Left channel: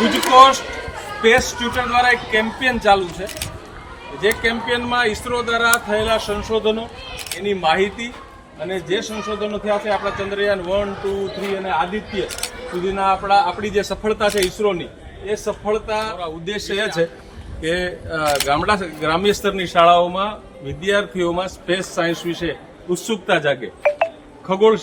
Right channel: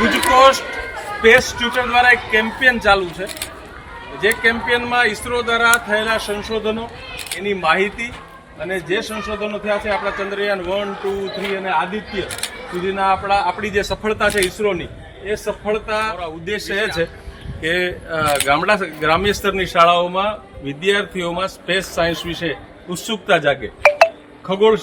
ગુજકોસ્ટ space tutor દ્વારા એક campaign ચાલુ છે, જે કેમ્પેનમાં ઇસરો દ્વારા થયેલા સંશોધનો, એની માહિતી અને જે સંશોધનો થયા છે આપણા ચંદ્રયાન 1, 2, 3 અને આદિત્ય સુધીના આપણી જે સફળતા છે ઇસરોની, એ સફળતા ઉદ્દેશ્ય એ છે કે ગ્રામ્ય સ્તરની શાળાઓમાં વિદ્યાર્થીઓમાં સ્પેસ સાયન્સ વિશે ઉત્સુકતા જાગે, ખગોળ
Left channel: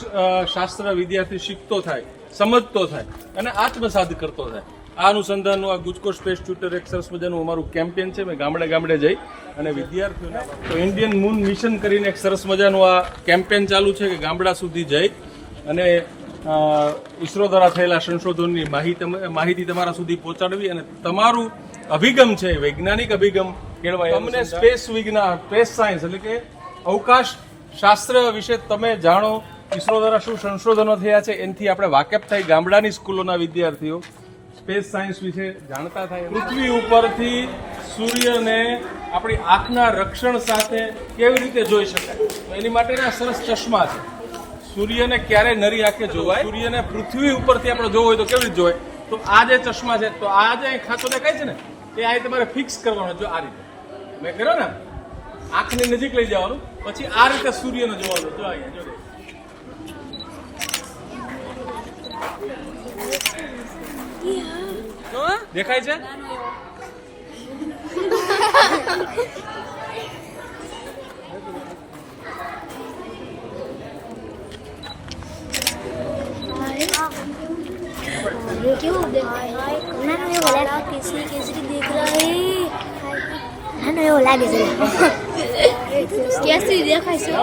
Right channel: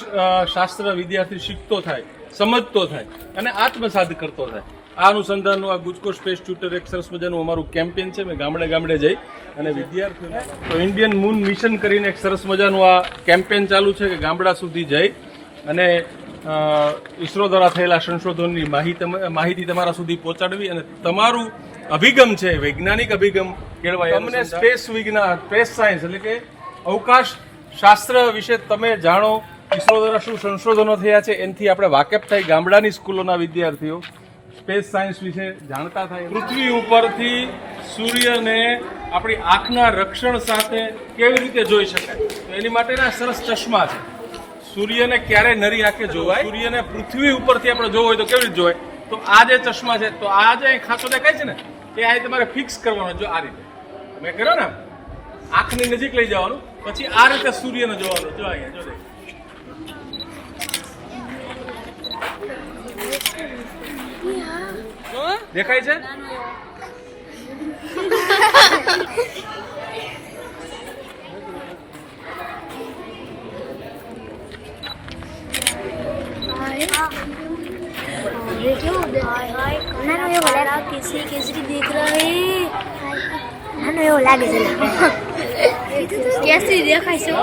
શાસ્ત્ર વિદ્યાર્થી શીખતો થાય, સમજતો થાય અને આત્મસાત કરતો થાય. આ અનુસંધાનનું આ ગુજકોસ્ટ સ્પેસ ટ્યુટર એક સરસ મજાનું અમારું કેમ્પેન છે. મેં ગામડે ગામડે જઈ અને વિદ્યાર્થીઓને તો ઇન્ડિયન મૂન મિશન કરીને એક સરસ મજાનું આ કેમ્પેન ચાલુ છે કે ગામડા સુધી જઈ અને ઇસરો દ્વારા થયેલા સંશોધનની માહિતી તમારા સુધી પહોંચાડવી અને તમારું અભિગમ છે વૈજ્ઞાનિક અભિગમ કેળવાય. તમને સ્પેસ વિજ્ઞાન, સ્પેસ સાયન્સ એટલે કે અવકાશ શાસ્ત્ર વિશે તમે જાણો, ઇસરો દ્વારા શું સંશોધનો થયા છે એનાથી આપણે વાકેફ થઈ. ગામડાની સ્કૂલોના વિદ્યાર્થીઓ સ્પેસ સાયન્સ વિશે જાણતા થાય. પૃથ્વી ઉપરથી સૂર્યને આપણી આંખના રક્ષણ સાથે કેવી રીતે જોઈ શકાય, તો એની માટેના સરસ ચશ્મા છે. સૂર્યને ક્યારે નરી આંખે જોવાય, સૂર્યને પૃથ્વી ઉપરથી આપણે જોવો હોય તો કેવી રીતે જોવાય, તો આ જે ચશ્મા છે, તો આ જે ખાતો દેખાય છે ને, એ આ તમારે ફિક્સ કરવાનો. જો આ રીતે મેં કર્યો ને, આંખની નજીક લઈ જવાનું, પછી આ રીતે સૂર્યને જોવાનું. જો અહીંયા જો દેખાય છે. केसरी केसरी देख रहा है वो लागे केसरी देखाय छो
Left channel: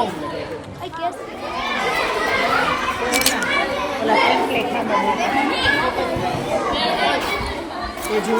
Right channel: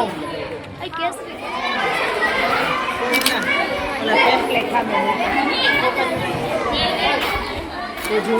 केसरी